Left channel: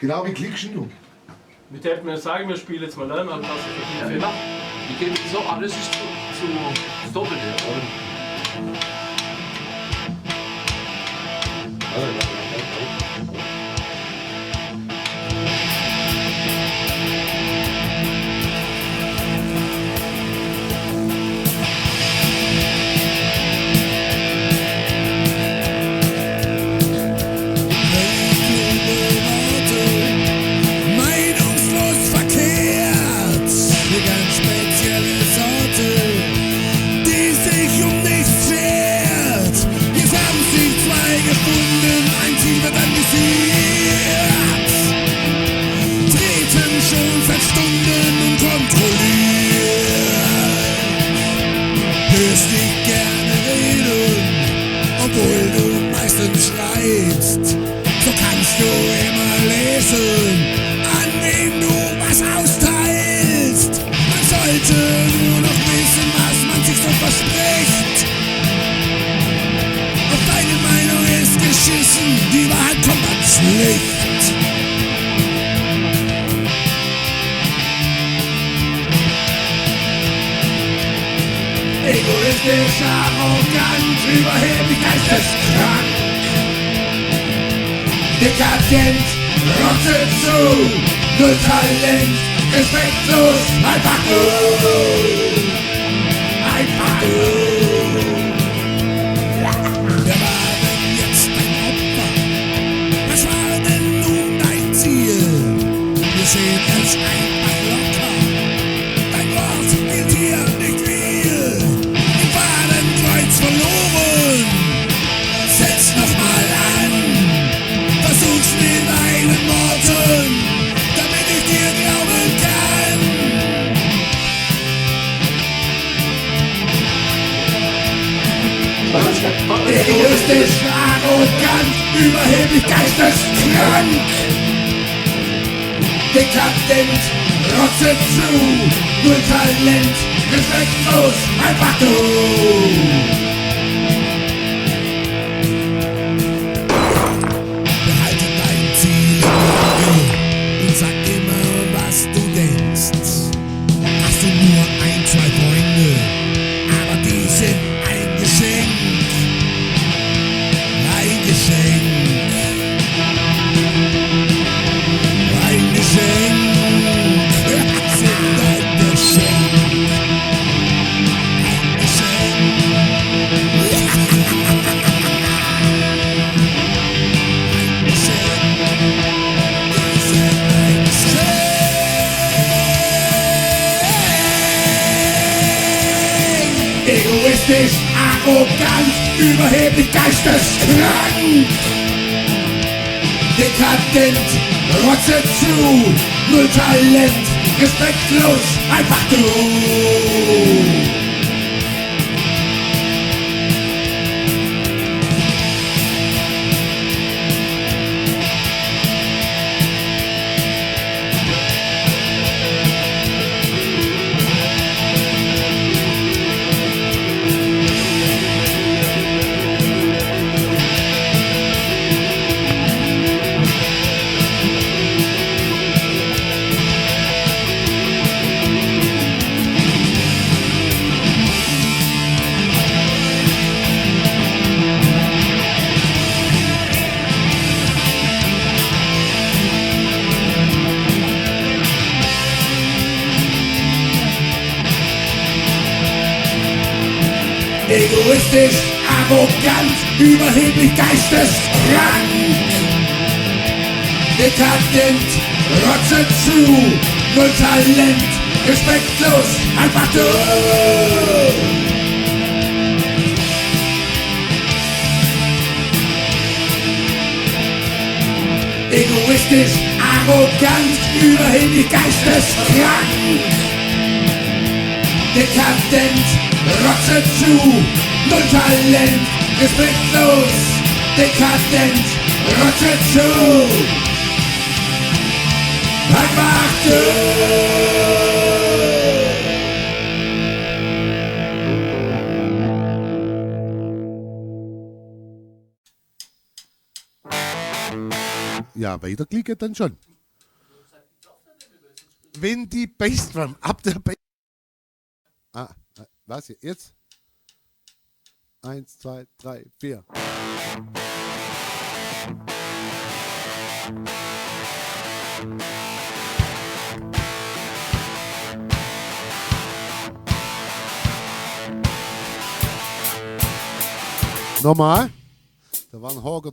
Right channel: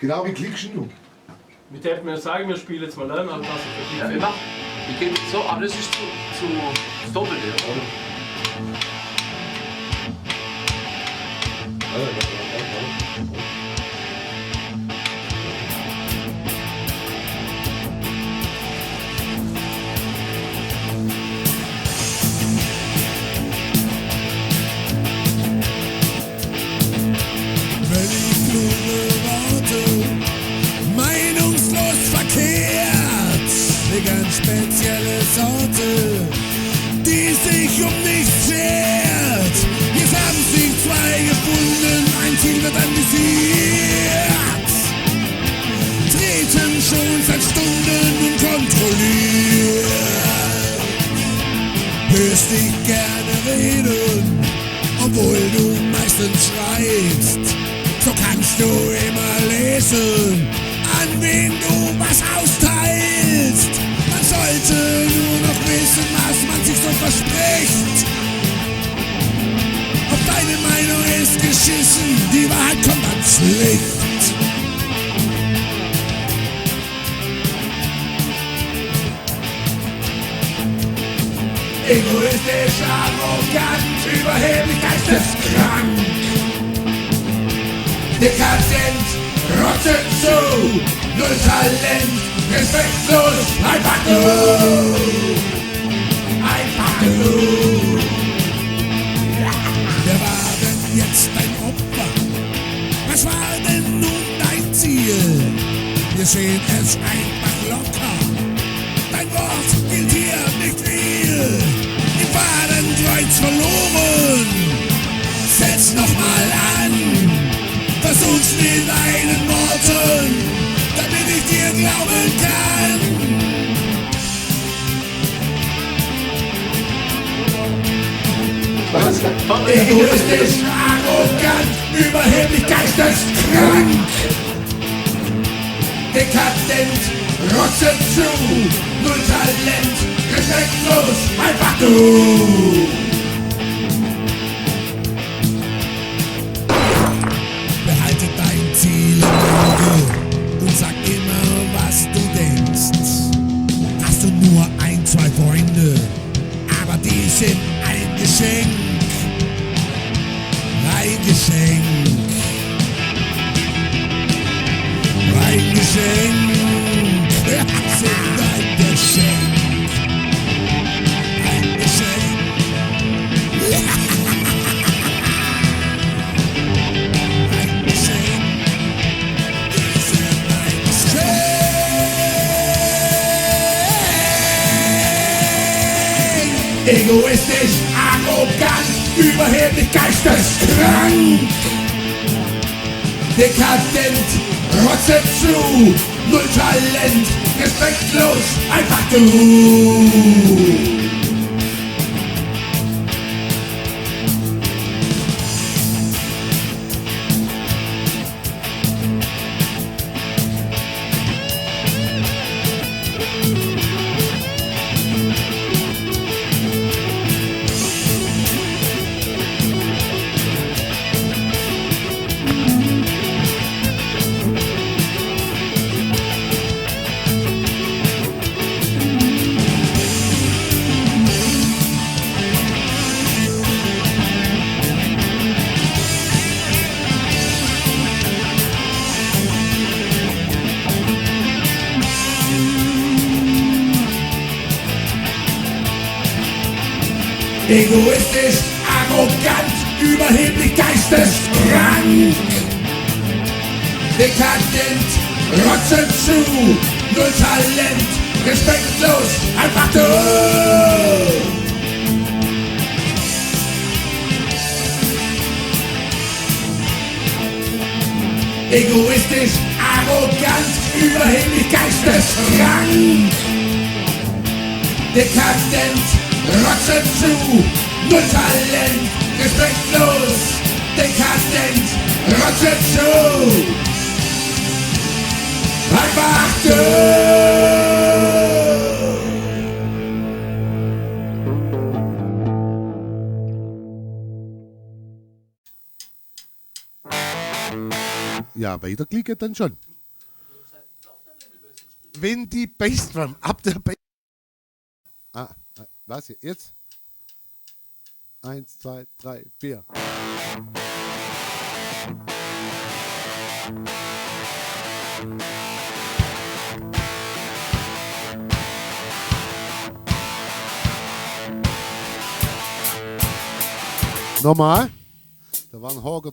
Genau, wie klickst du? Wir hätten mir sagen, wir spielen jetzt mal an, also Ja, genau. Die gehen so, alles ist zu das Doppelte, oder? Völlig kluge Worte, meinungslos verkehrt, eine ganz spezielle Sorte, die sich um nichts schert. Jetzt haben sich zwei gefunden, ein Ziel wird anvisiert, treten schon seit Stunden unkontrolliert. Hörst dich gerne reden, obwohl du meistens schreibst. So kannst du immer lesen, an wen du was austeilst. Man sollte nur noch wissen, was man sich so verspricht. Auf deine Meinung ist geschissen, die Wahrheit kommt ans Licht. Egoistisch, arrogant, überheblich, geisteskrank. Dekadent, rottet zu, null Talent, respektlos, einfach du. Einfach du. Wer war denn jetzt dein Opfer? Was war denn nun dein Ziel? Wir sehen es einfach locker. Dein Wort gilt hier nicht viel. Im Fadenkreuz verloren. Setz nochmal an. Versuch's mit deinen Worten, damit ich dir glauben kann. Egoistisch, arrogant, überheblich, geisteskrank. Dekadent, rotze zu, null Talent, respektlos, einfach du. Behalte dein Ziel im Auge und sag immer, was du denkst. Hast du nur ein, zwei Freunde, aber die sind ein Geschenk. Ein Geschenk. Ein Geschenk. Sind ein Geschenk. Ein Geschenk. Egoistisch, arrogant, überheblich, geisteskrank. Dekadent, rotze zu, null Talent, respektlos, einfach du. Egoistisch, arrogant, überheblich, geisteskrank. Dekadent, rotze zu, null Talent, respektlos, einfach du. Egoistisch, arrogant, überheblich, geisteskrank. Dekadent, rotze zu, null Talent, respektlos, dekadent, rotze zu, einfach du. Ja, weiterklicken dann schon. Wenn die Bassdrum ab der Bass... was jetzt? 1, 2, 3, 4. Nochmal. Da war ein Horger.